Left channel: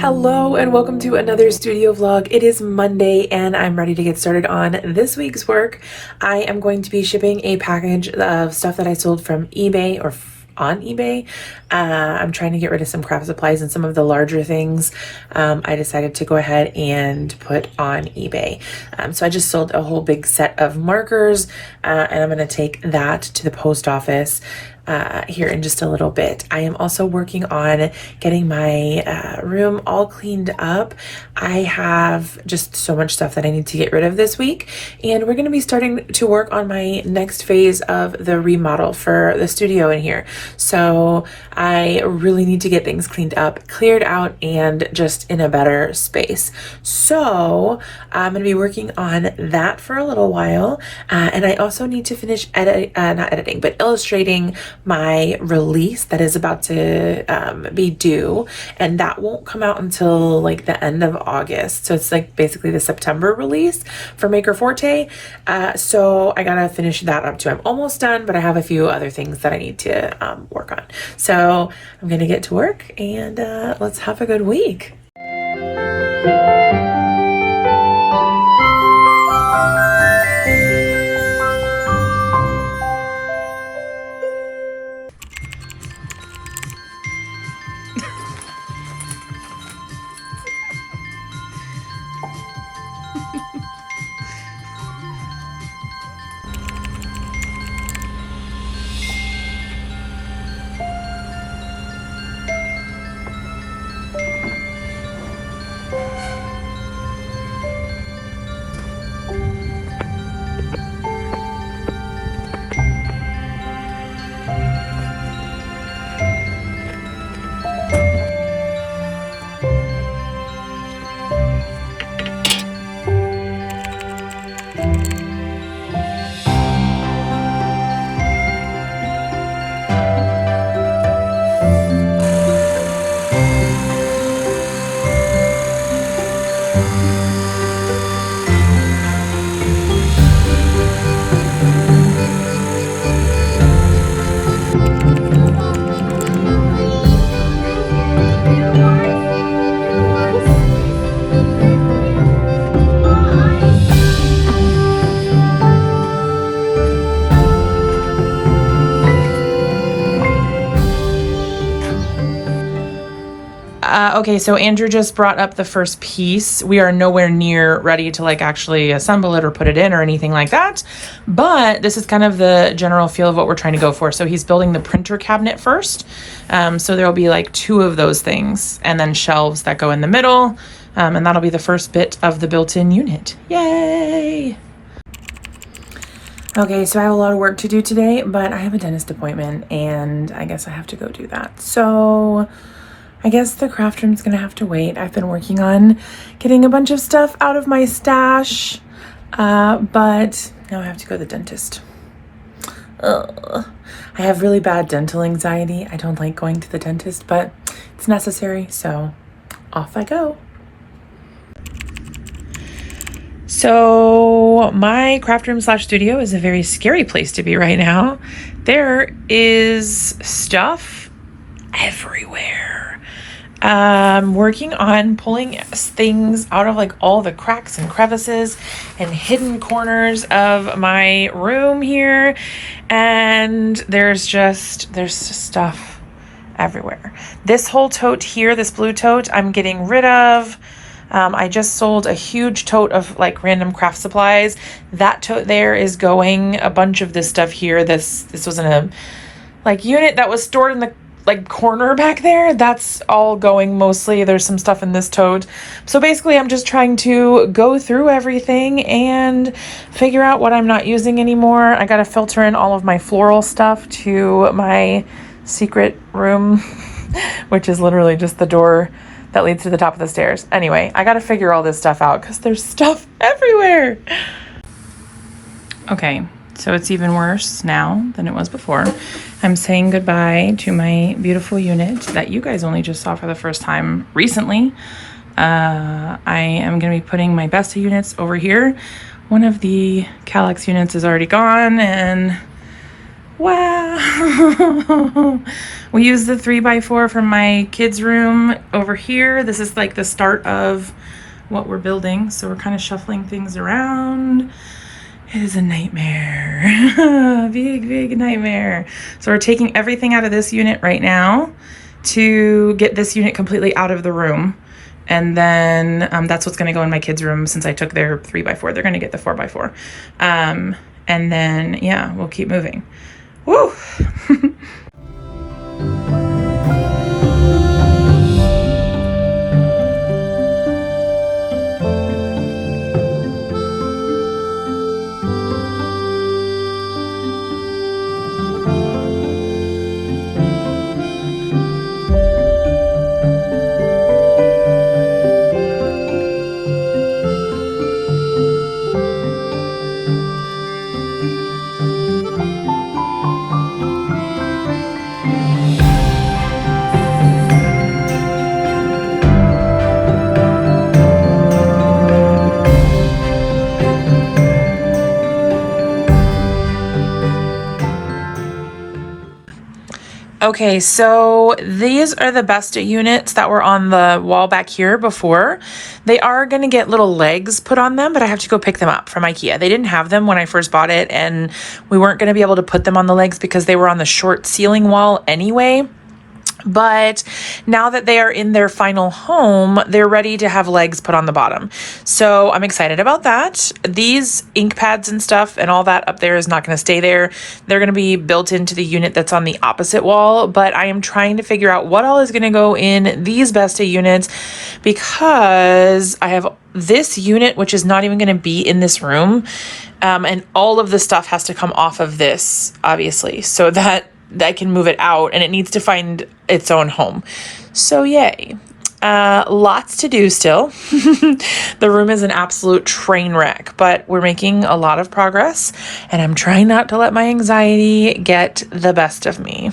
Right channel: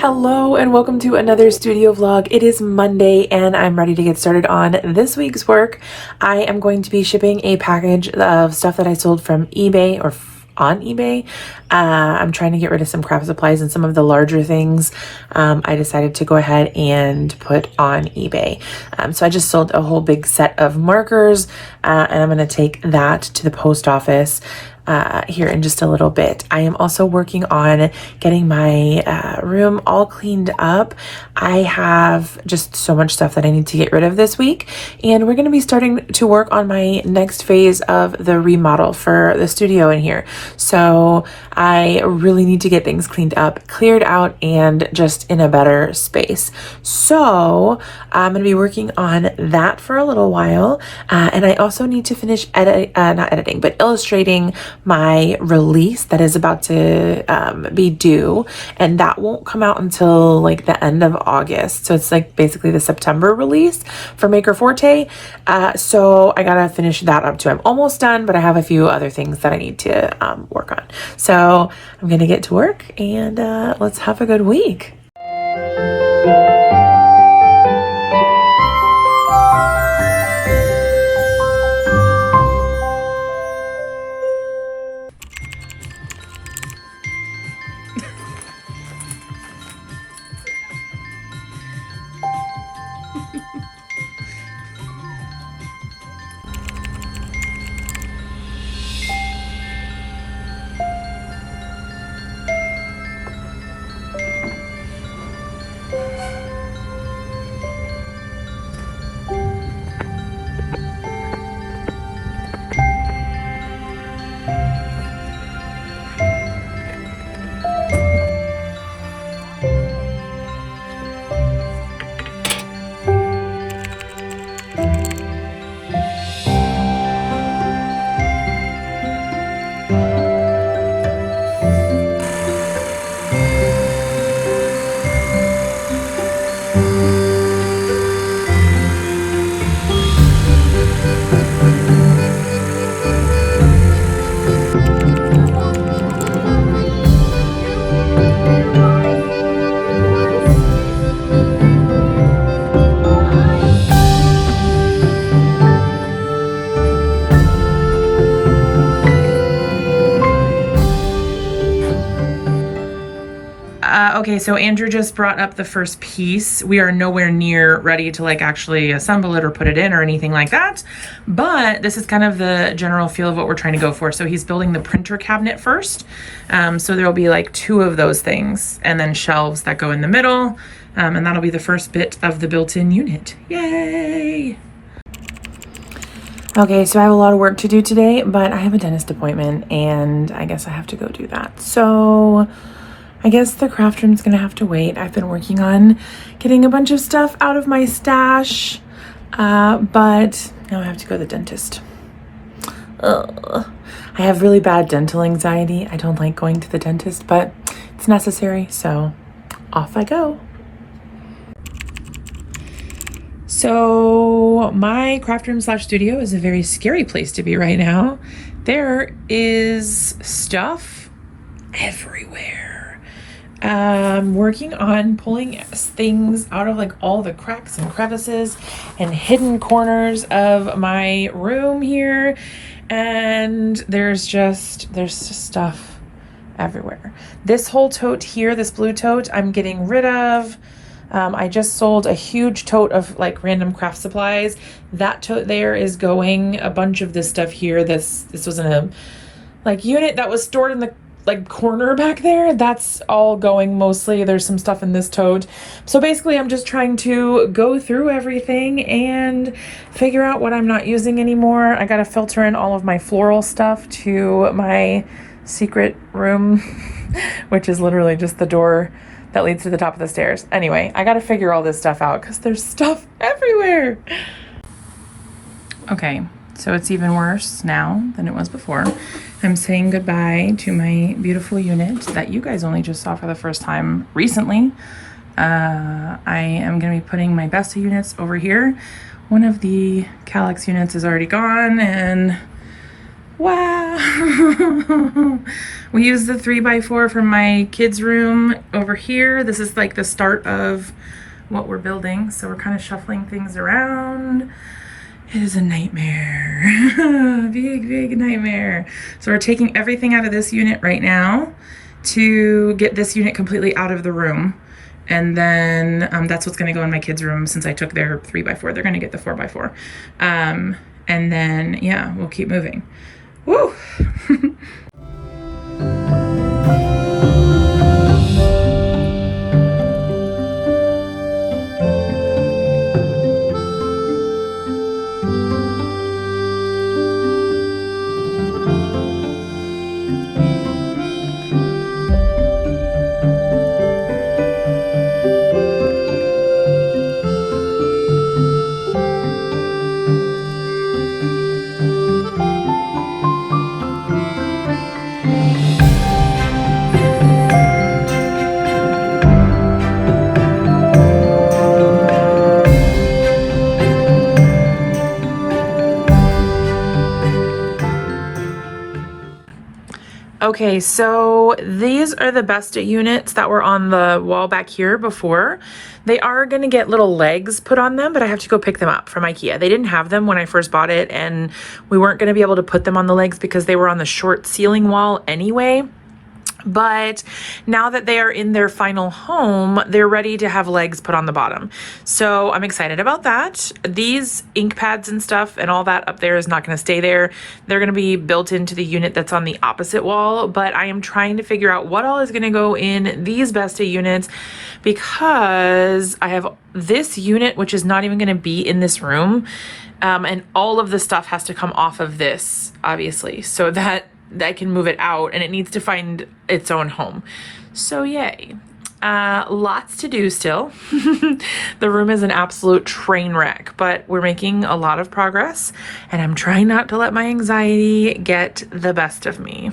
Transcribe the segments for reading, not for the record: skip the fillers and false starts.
Hello and welcome to another studio vlog. It is Monday and I'm ready to get started on this week's work. I am going to be shipping a package of stuff that I sold from eBay or on eBay. I'm trying to get rid of some craft supplies and some of the larger things I decided to go ahead and put on eBay. So I just sold a whole big set of markers and I'm going to take that to the post office here in just a little bit. I am also working on getting my room all cleaned up. I have just so much stuff that I need to get rid of this week, and we're going to be starting to work on my next phase of the remodel for the studio in here. So I really need to get things cleaned up, cleared out, and just in a better space. So I'm going to be working on that for a little while, and I also need to finish not editing, but illustrating my release that is about to be due, and that won't come out until like the end of August. So it's like basically the September release for Maker Forte. So I gotta finish that up too. I'm almost done, but I have a few other things that I need to work on. So I'm gonna get to work and let's have a good week. Okay, so Andrew just brought up the first piece. We are nowhere near ready to like actually assemble it or put it in or anything like that, but this is kind of the general feel of what we're trying to go for. So he's building the printer cabinet first. So there will be like 2 of those things and then shelves that go in the middle. And that'll be the first bit of the built-in unit. Yay! Okay, so I have a lot of work to do today, but I have a dentist appointment and I guess I have to go do that. So I guess the craft room's gonna have to wait. I've been working on getting a bunch of stuff out of my stash, but now I have to go to the dentist. I have really bad dental anxiety. I don't like going to the dentist, but it's necessary, so off I go. So my craft room / studio is a very scary place to be right now. There is stuff everywhere. Working on pulling things out of like all the cracks and crevices and hidden corners of my room here, and there's just stuff everywhere. This whole tote here, this blue tote, I'm getting rid of. I just sold a huge tote of like random craft supplies. That tote there is going. A bunch of this stuff here, this was in a like unit that was stored in the like corner back there. That's all going mostly. There's some stuff in this tote. So basically I'm just trying to go through everything and figure out what I'm not using anymore. I gotta filter in all of my floral stuff to my secret room, which is literally just the door that leads to the top of the stairs. Anyway, I gotta figure all this stuff out because there's stuff everywhere. Okay, so it's even worse now than it was before. I'm saying goodbye to my beautiful unit that you guys only just saw for the first time recently. I am going to be putting my Besta units over here. One of the Calyx units is already gone, and Wow. We use the 3x4 from my kids' room over here. This is like the start of what we're building. So we're kind of shuffling things around. It is a nightmare. Big nightmare. So we're taking everything out of this unit right now to get this unit completely out of the room. And then that's what's gonna go in my kids' room since I took their 3x4. They're gonna get the 4x4. And then, yeah, we'll keep moving. Woo! Okay, so these are the Besta units that were on the wall back here before. They are going to get little legs put on them, but I have to go pick them up from IKEA. They didn't have them when I first bought it, and we weren't going to be able to put them on the legs because they were on the short ceiling wall anyway. But now that they are in their final home, they're ready to have legs put on the bottom. So I'm excited about that. These ink pads and stuff and all that up there is not going to stay there. They're going to be built into the unit that's on the opposite wall. But I am trying to figure out what all is going to go in these Besta units because I have this unit, which is not even going to be in this room. And all of the stuff has to come off of this, obviously, so that I can move it out, and it needs to find its own home. So yay. Lots to do still. The room is an absolute train wreck, but we're making a lot of progress, and I'm trying not to let my anxiety get the best of me.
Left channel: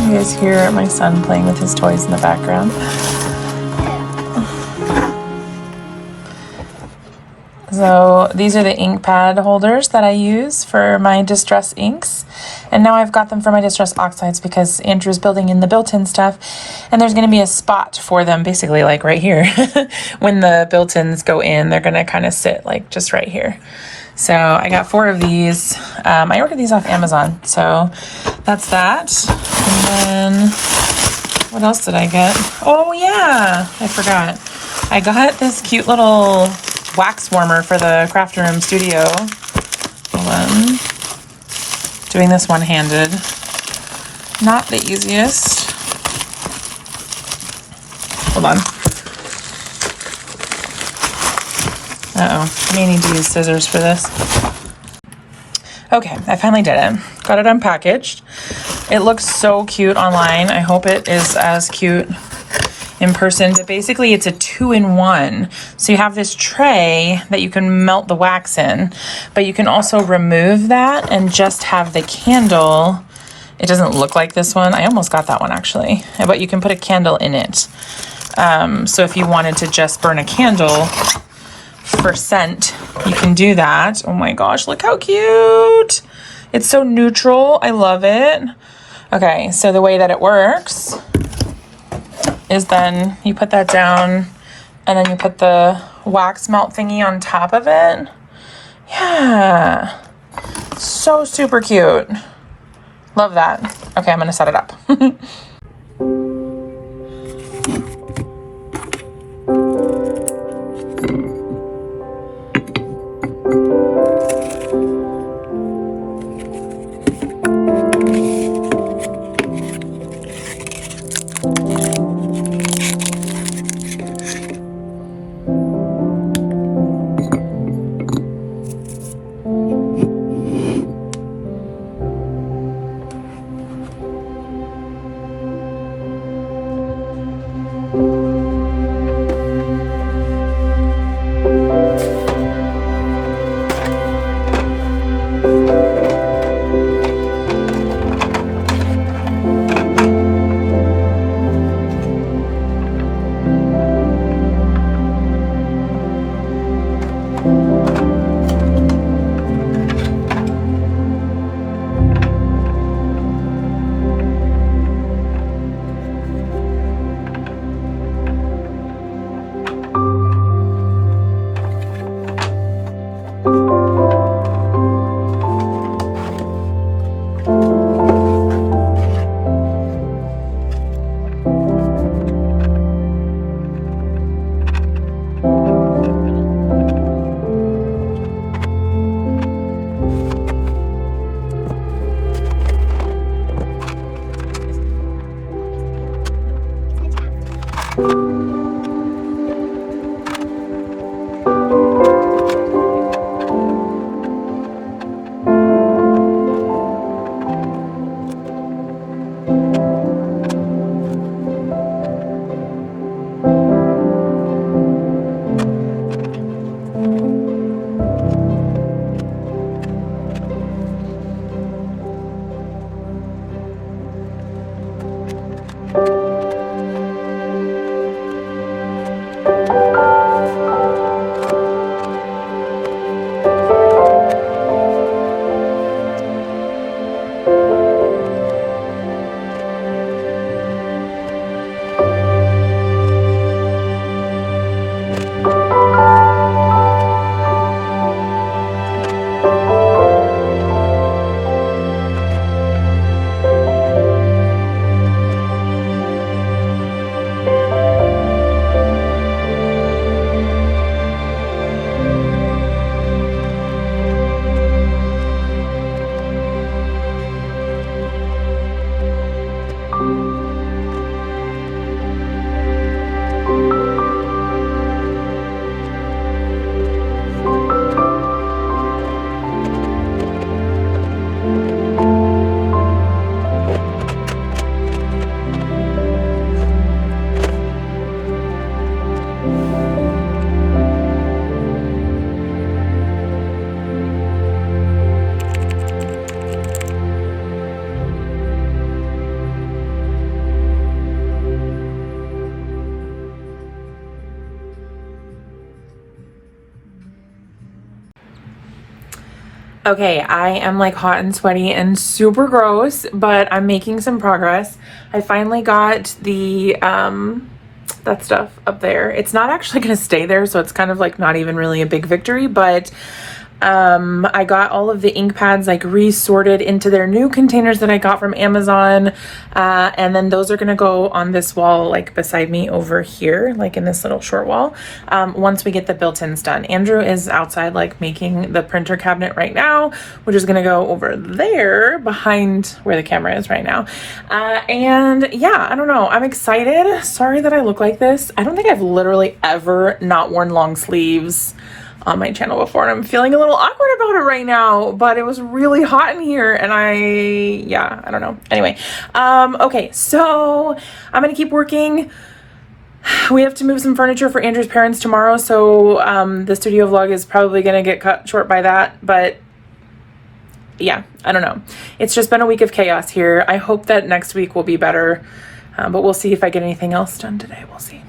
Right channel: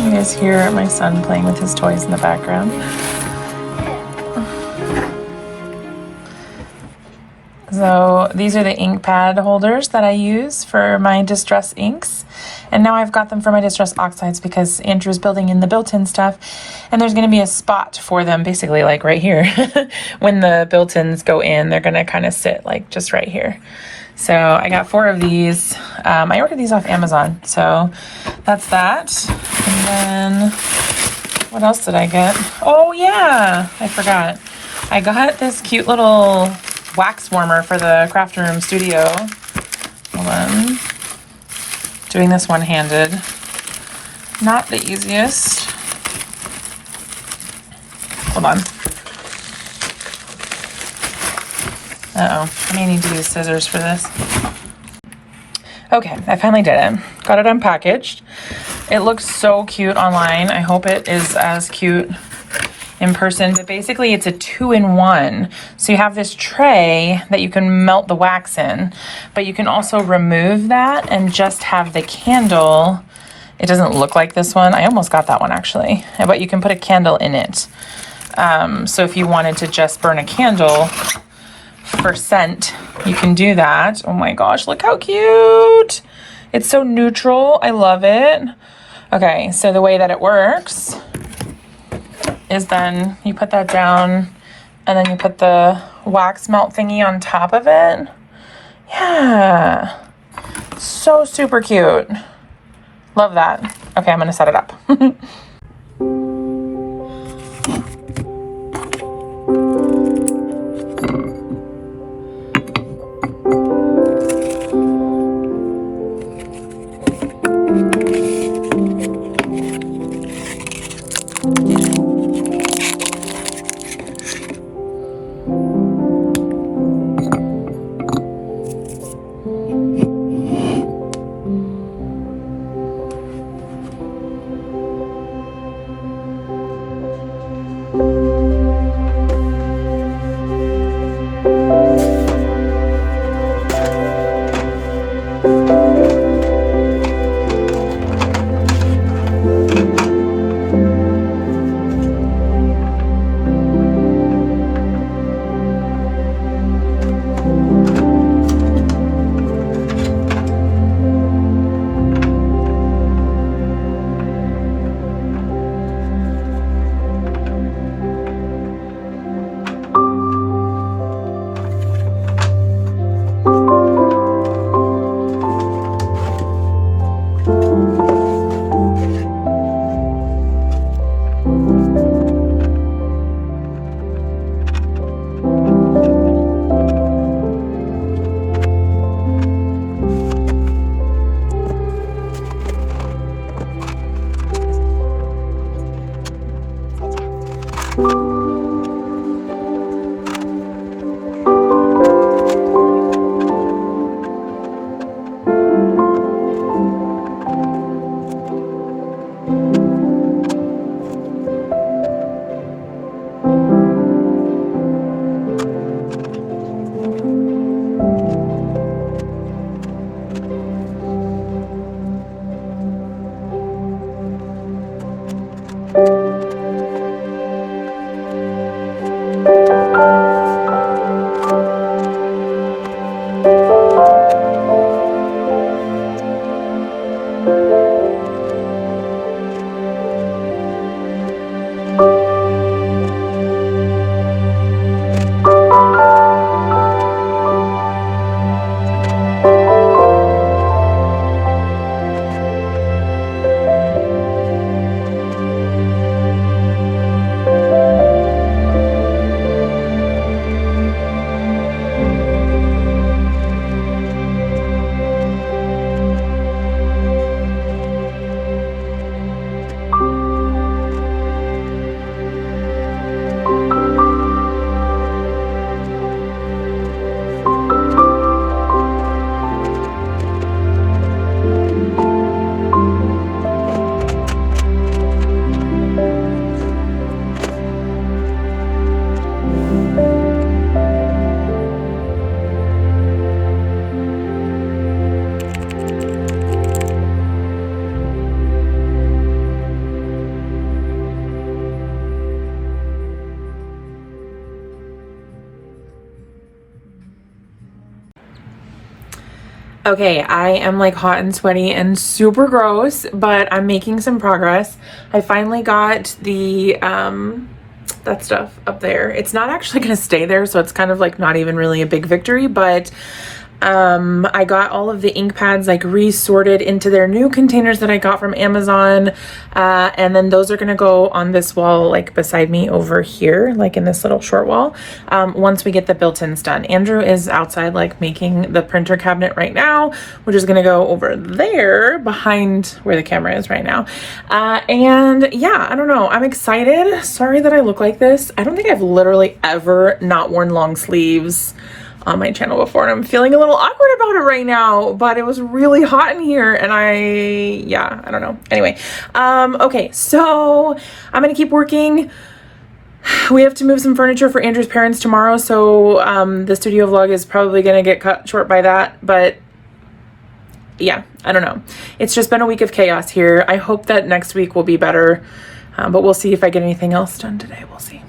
You guys hear my son playing with his toys in the background. So these are the ink pad holders that I use for my distress inks. And now I've got them for my distress oxides because Andrew's building in the built-in stuff. And there's going to be a spot for them, basically like right here. When the built-ins go in, they're going to kind of sit like just right here. So I got 4 of these. I ordered these off Amazon. So that's that. And then what else did I get? Oh yeah, I forgot. I got this cute little wax warmer for the craft room studio. Hold on. Doing this one-handed. Not the easiest. Hold on. Uh-oh, I may need to use scissors for this. Okay, I finally did it. Got it unpackaged. It looks so cute online. I hope it is as cute in person, but basically it's a 2-in-1. So you have this tray that you can melt the wax in, but you can also remove that and just have the candle. It doesn't look like this one. I almost got that one actually, but you can put a candle in it. So if you wanted to just burn a candle for scent, you can do that. Oh my gosh, look how cute. It's so neutral. I love it. Okay, so the way that it works is then you put that down and then you put the wax melt thingy on top of it. Yeah. So super cute. Love that. Okay, I'm gonna set it up. Okay, I am like hot and sweaty and super gross, but I'm making some progress. I finally got the that stuff up there. It's not actually gonna stay there, so it's kind of like not even really a big victory, but I got all of the ink pads like resorted into their new containers that I got from Amazon, and then those are gonna go on this wall like beside me over here, like in this little short wall, once we get the built-ins done. Andrew is outside like making the printer cabinet right now, which is gonna go over there behind where the camera is right now. And yeah, I don't know, I'm excited. Sorry that I look like this. I don't think I've literally ever not worn long sleeves on my channel before, and I'm feeling a little awkward about it right now, but it was really hot in here and I don't know. Anyway, okay, so I'm gonna keep working. We have to move some furniture for Andrew's parents tomorrow, so the studio vlog is probably gonna get cut short by that, but yeah, I don't know. It's just been a week of chaos here. I hope that next week will be better, but we'll see if I get anything else done today. We'll see.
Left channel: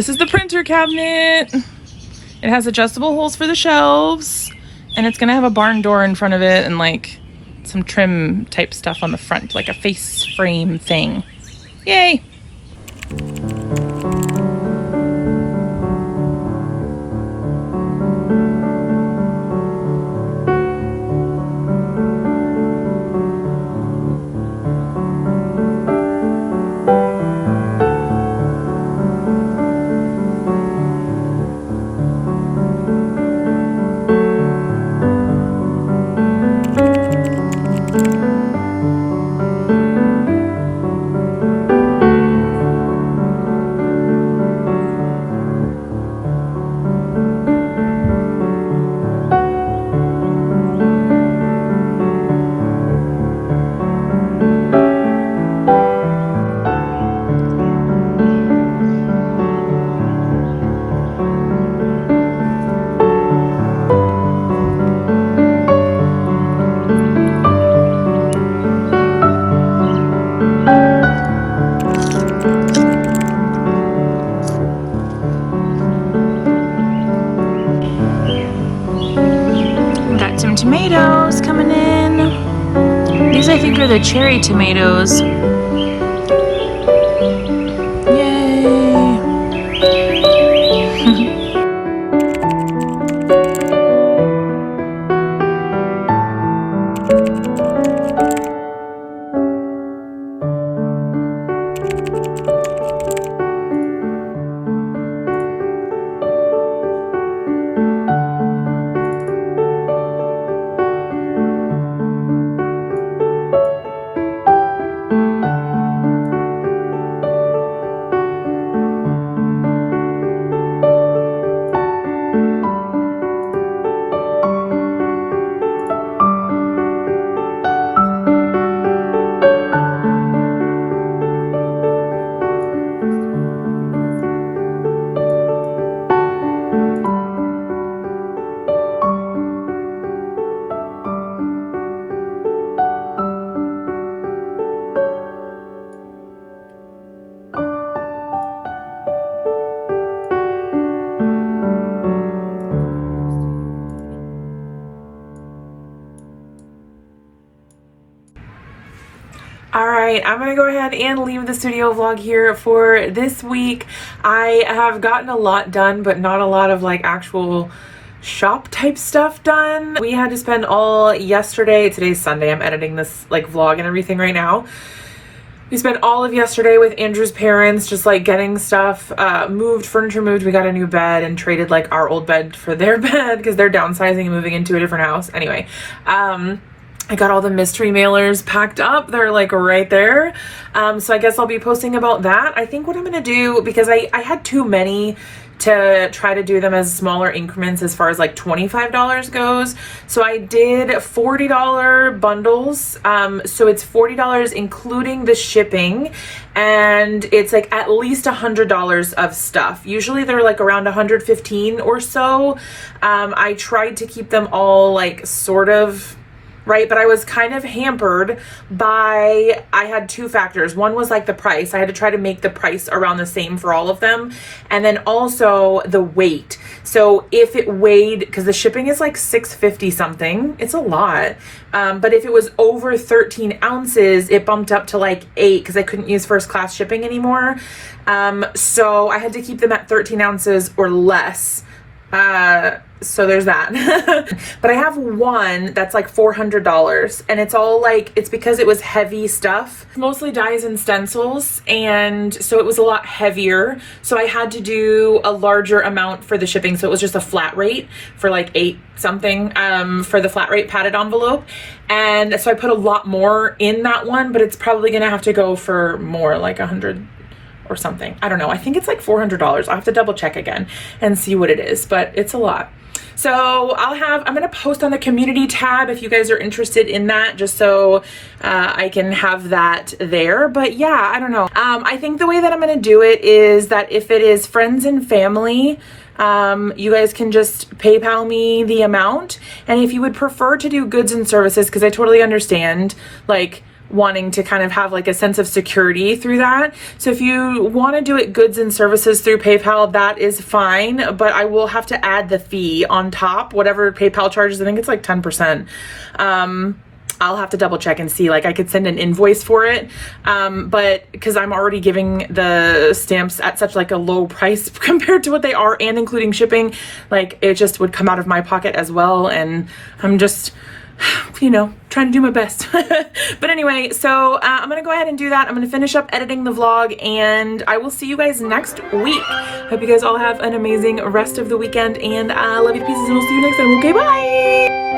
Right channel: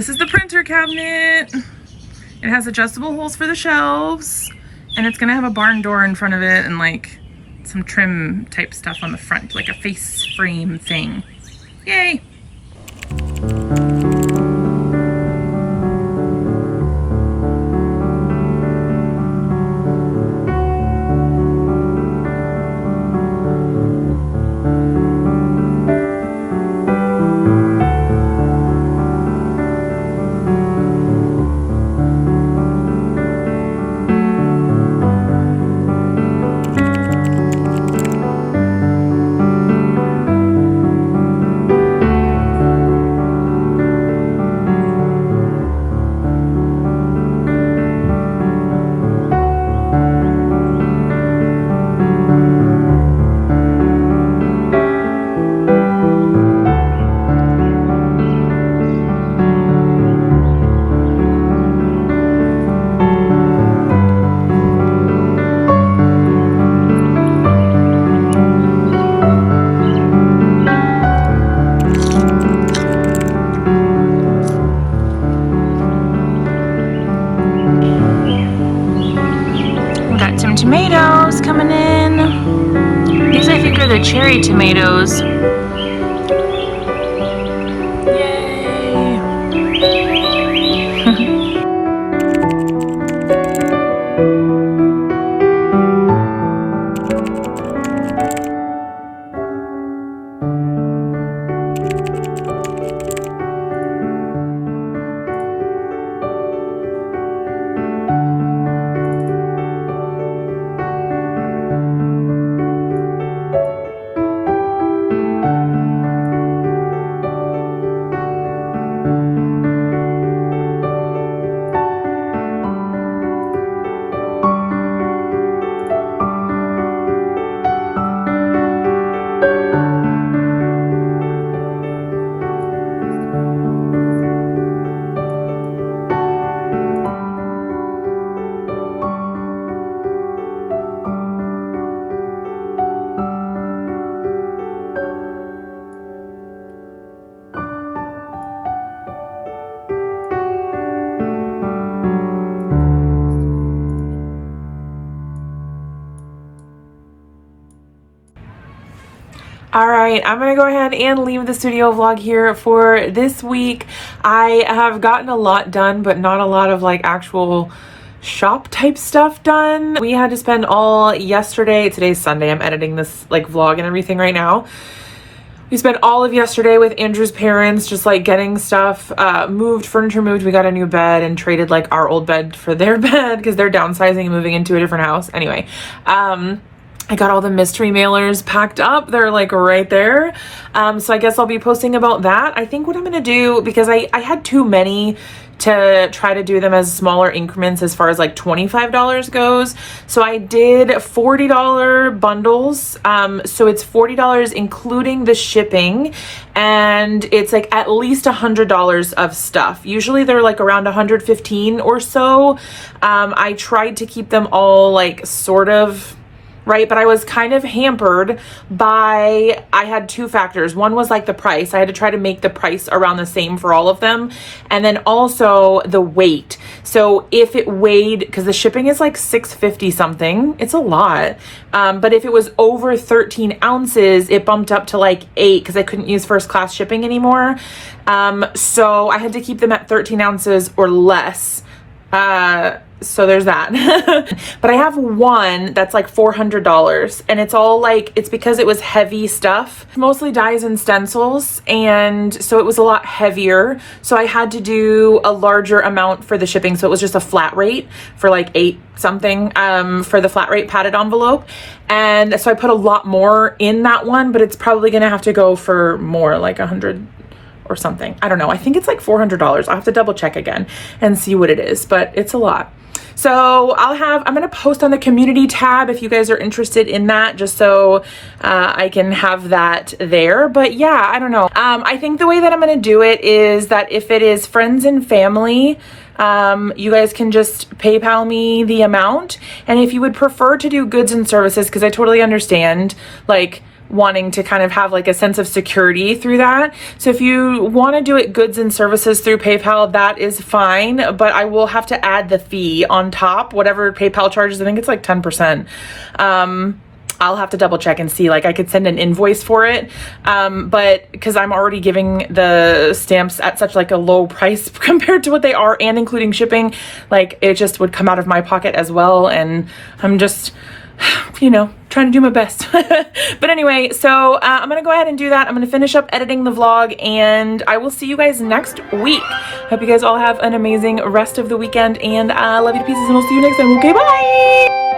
This is the printer cabinet. It has adjustable holes for the shelves, and it's gonna have a barn door in front of it and like some trim type stuff on the front, like a face frame thing. Yay! Got some tomatoes coming in. These I think are the cherry tomatoes. Yay! All right, I'm gonna go ahead and leave the studio vlog here for this week. I have gotten a lot done, but not a lot of like actual shop type stuff done. We had to spend all yesterday, today's Sunday, I'm editing this like vlog and everything right now. We spent all of yesterday with Andrew's parents, just like getting stuff moved, furniture moved. We got a new bed and traded like our old bed for their bed because they're downsizing and moving into a different house. Anyway, I got all the mystery mailers packed up. They're like right there. So I guess I'll be posting about that. I think what I'm gonna do, because I had too many to try to do them as smaller increments as far as like $25 goes. So I did $40 bundles. So it's $40 including the shipping, and it's like at least $100 of stuff. Usually they're like around 115 or so. I tried to keep them all like sort of right, but I was kind of hampered by, I had two factors. One was like the price. I had to try to make the price around the same for all of them. And then also the weight. So if it weighed, because the shipping is like 650 something, it's a lot. But if it was over 13 ounces, it bumped up to like 8 because I couldn't use first class shipping anymore. So I had to keep them at 13 ounces or less. So there's that. But I have one that's like $400, and it's all like, it's because it was heavy stuff, mostly dies and stencils, and so it was a lot heavier. So I had to do a larger amount for the shipping. So it was just a flat rate for like 8 something for the flat rate padded envelope. And so I put a lot more in that one, but it's probably gonna have to go for more, like 100 or something. I don't know. I think it's like $400. I'll have to double check again and see what it is, but it's a lot. So I'm going to post on the community tab if you guys are interested in that, just so I can have that there. But yeah, I don't know. I think the way that I'm going to do it is that if it is friends and family, you guys can just PayPal me the amount. And if you would prefer to do goods and services, because I totally understand, like, wanting to kind of have like a sense of security through that. So if you want to do it goods and services through PayPal, that is fine, but I will have to add the fee on top, whatever PayPal charges. I think it's like 10%. I'll have to double check and see, like I could send an invoice for it. But because I'm already giving the stamps at such like a low price compared to what they are and including shipping, like it just would come out of my pocket as well. And I'm just, you know, trying to do my best. But anyway, so I'm gonna go ahead and do that. I'm gonna finish up editing the vlog and I will see you guys next week. Hope you guys all have an amazing rest of the weekend, and love you to pieces, and we'll see you next time. Okay, bye.